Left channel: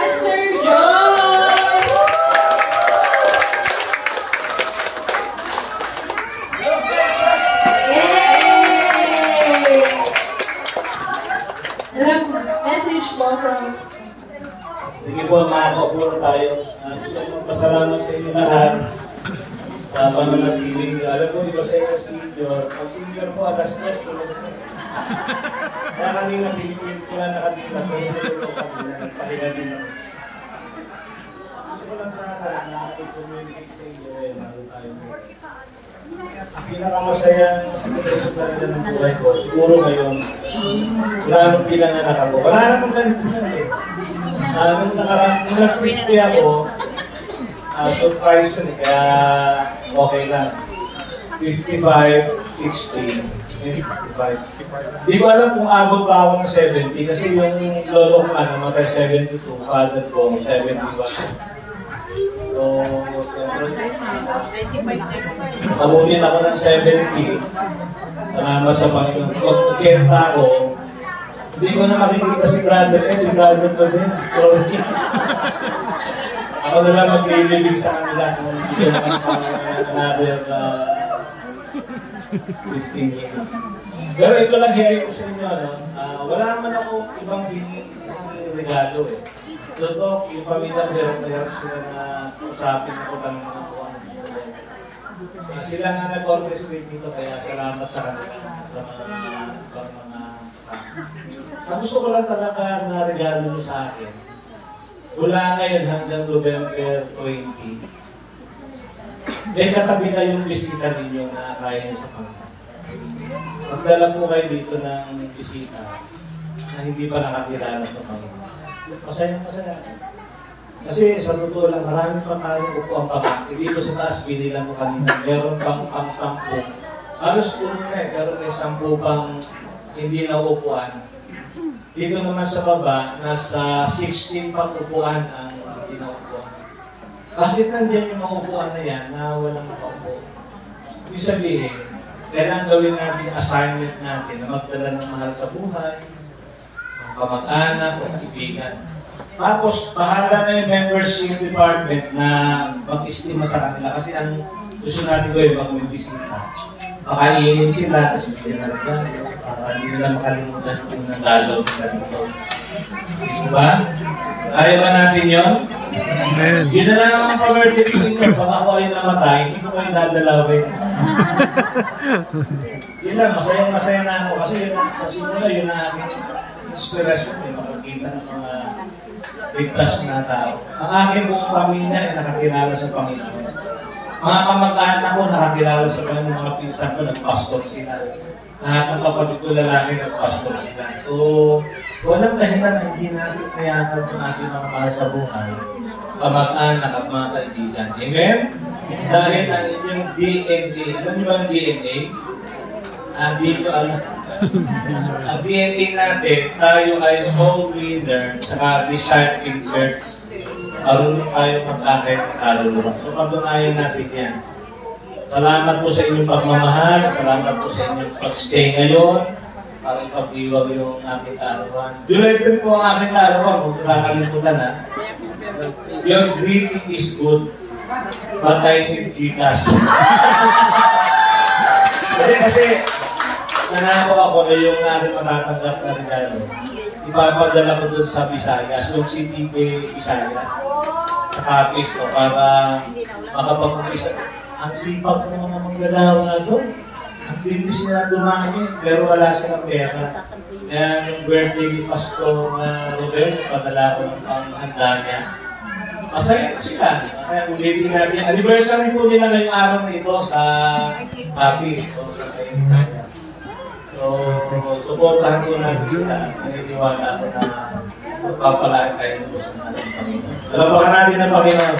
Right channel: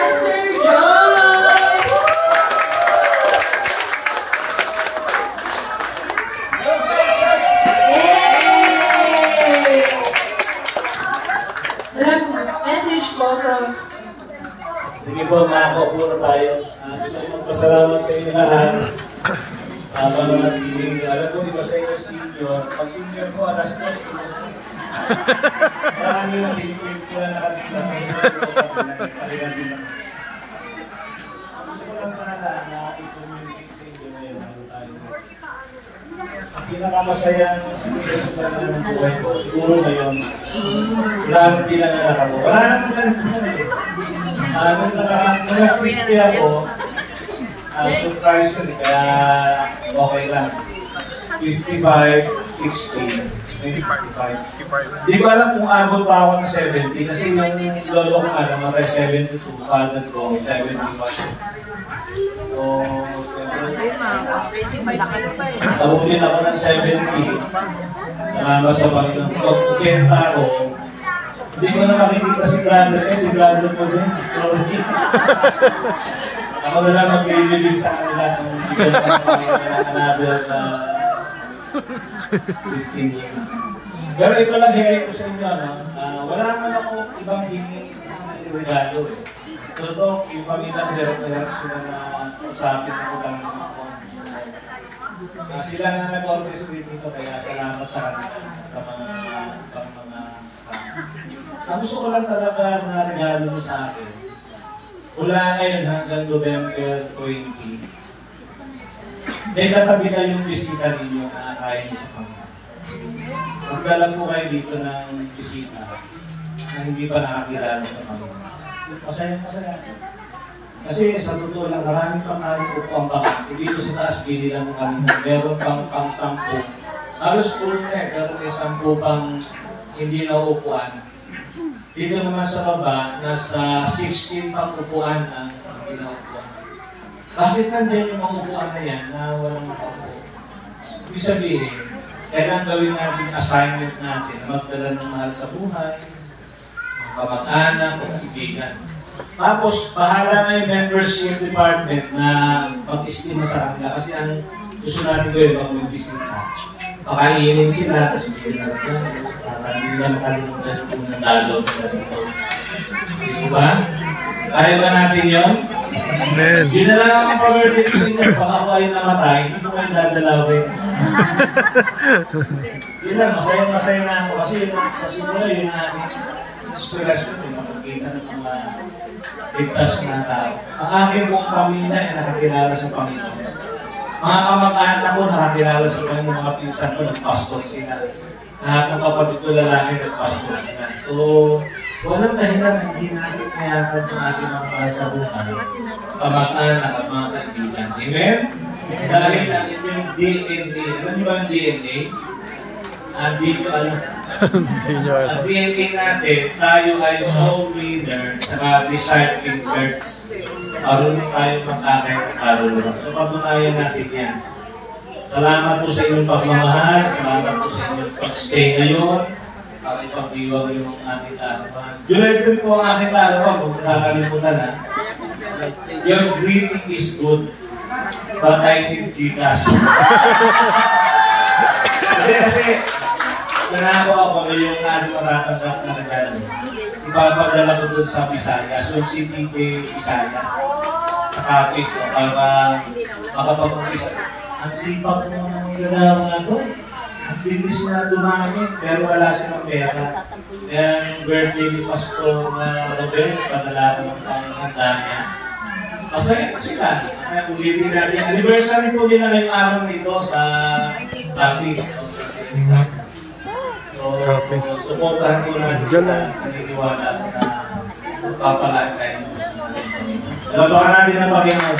Pastor John! Yay! Ilang message po from... Sige po, makakapuro tayo. Gusto kong pasalamat sa inyo lahat. Sa pananatiling. Alam ko, iba sa inyo senior. Pag senior po, alas 2 ko. Maraming nag-film ko na nakabila ko. Nakikita din ako. Gusto ko lang sana nakakipag-communicate sa inyo. Lalo tayo. Ang pinakamasayang sinusundan ng buhay ko, siguro ngayon, wala akong pinanganak ako. Wala naman ganito na eh. Nung nag-50 ako, surprise yun, kaya okay lang. 55, 60, 65. Hindi ko alam kung abot pa ako ng 70 kasi yung lolo ko nga namatay 72, father ko 71. So, nabunin ako ng 70. Salamat sa Panginoon. Pag-80 ako, hindi ko na makikita si brother si brother ko din. Sorry. Ako na lang maglilibig sa kanila kung hindi ko naman another 15 years. Pero ito lang hiling ko sa inyo, wala naman ako ibang regalo eh. Totoo, yung pamilya hirap sila na usapin ako lang sila na nag-orchestrate dito, kaya salamat sa kanila sa mga ang gusto ko lang talaga na regalo nyo sa akin. Mula ngayon hanggang November 20, may katabi kayong bisita ninyo na kaya nyo sa Panginoon. Magdala po kayo dito ng bisita na hindi pa nakakilala sa Panginoon. Masayang masaya. Kasi sa totoo lang, maraming pang tayong upuan pa. Dito sa taas, binilang ko kanina. Meron pang 10. Halos tulong na eh. Meron may 10 pang hindi na upuan. Dito naman sa baba, nasa 16 pang upuan ang hindi na upuan. Bakit nandiyan yung mga upuan na yan na walang makaupo? Ibig sabihin, kailangan gawin natin yung assignment natin na magdala ng mahal sa buhay, kamag-anak o kaibigan. Tapos, bahala na yung membership department na mag-estima sa kanila kasi ang gusto natin gawin pag may bisita. Pakainin sila, tapos hindi natin para hindi nila makalimutan kung nandalo sa dito. Diba? Kaya ba natin yun? Amen. Yun na lang ang pa-birthday sa inyo. Baka ako ay namatay, hindi ko kayo dadalawin. Yun lang, masayang-masaya na ako kasi yun, sa simula yun ang aking inspirasyon. Yung makikita ng mga ligtas ng tao. Ang aking buong pamilya ay nakakilala sa Panginoon. Mga kamag-anak ko nakakilala sa Panginoon, mga pinsan ko nag-pastor sila. Lahat ng kapatid ko lalaki nag-pastor sila. So, walang dahilan na hindi natin kayakan ng ating mga mahal sa buhay, kamag-anak at mga kaibigan. Amen? Dahil ang inyong DNA, alam niyo ba ang DNA? Dito ang DNA natin, tayo ay soul winner saka discipling church. Marunong tayo mag-akay ng kaluluwa. So, pagdunayan natin yan. Salamat po sa inyong pagmamahal. Salamat po sa inyong pag-stay ngayon. Para ipag-iwag yung aking karawan. July din po ang aking karawan. Kung nakakalimutan ha. Your greeting is good, but I think Gcash. kasi nanako ako yung aking matatanggap na regalo. Ipapadala ko dun sa Visayas, yung CPK Visayas, sa Capiz, para makapag-umpisa. Ang sipag ng mga manggagawa doon. Ang bilis na dumami, pero wala silang pera. Kaya yung birthday ni Pastor Robert, padala ko ng panghanda niya. Masaya na sila. Kaya ulitin natin. Anniversary po nila ngayong araw na ito sa Capiz. So, supportahan ko natin sila. Naniniwala ko na papalaan tayo ng gusto natin. Dalabakan natin ang Panginoon.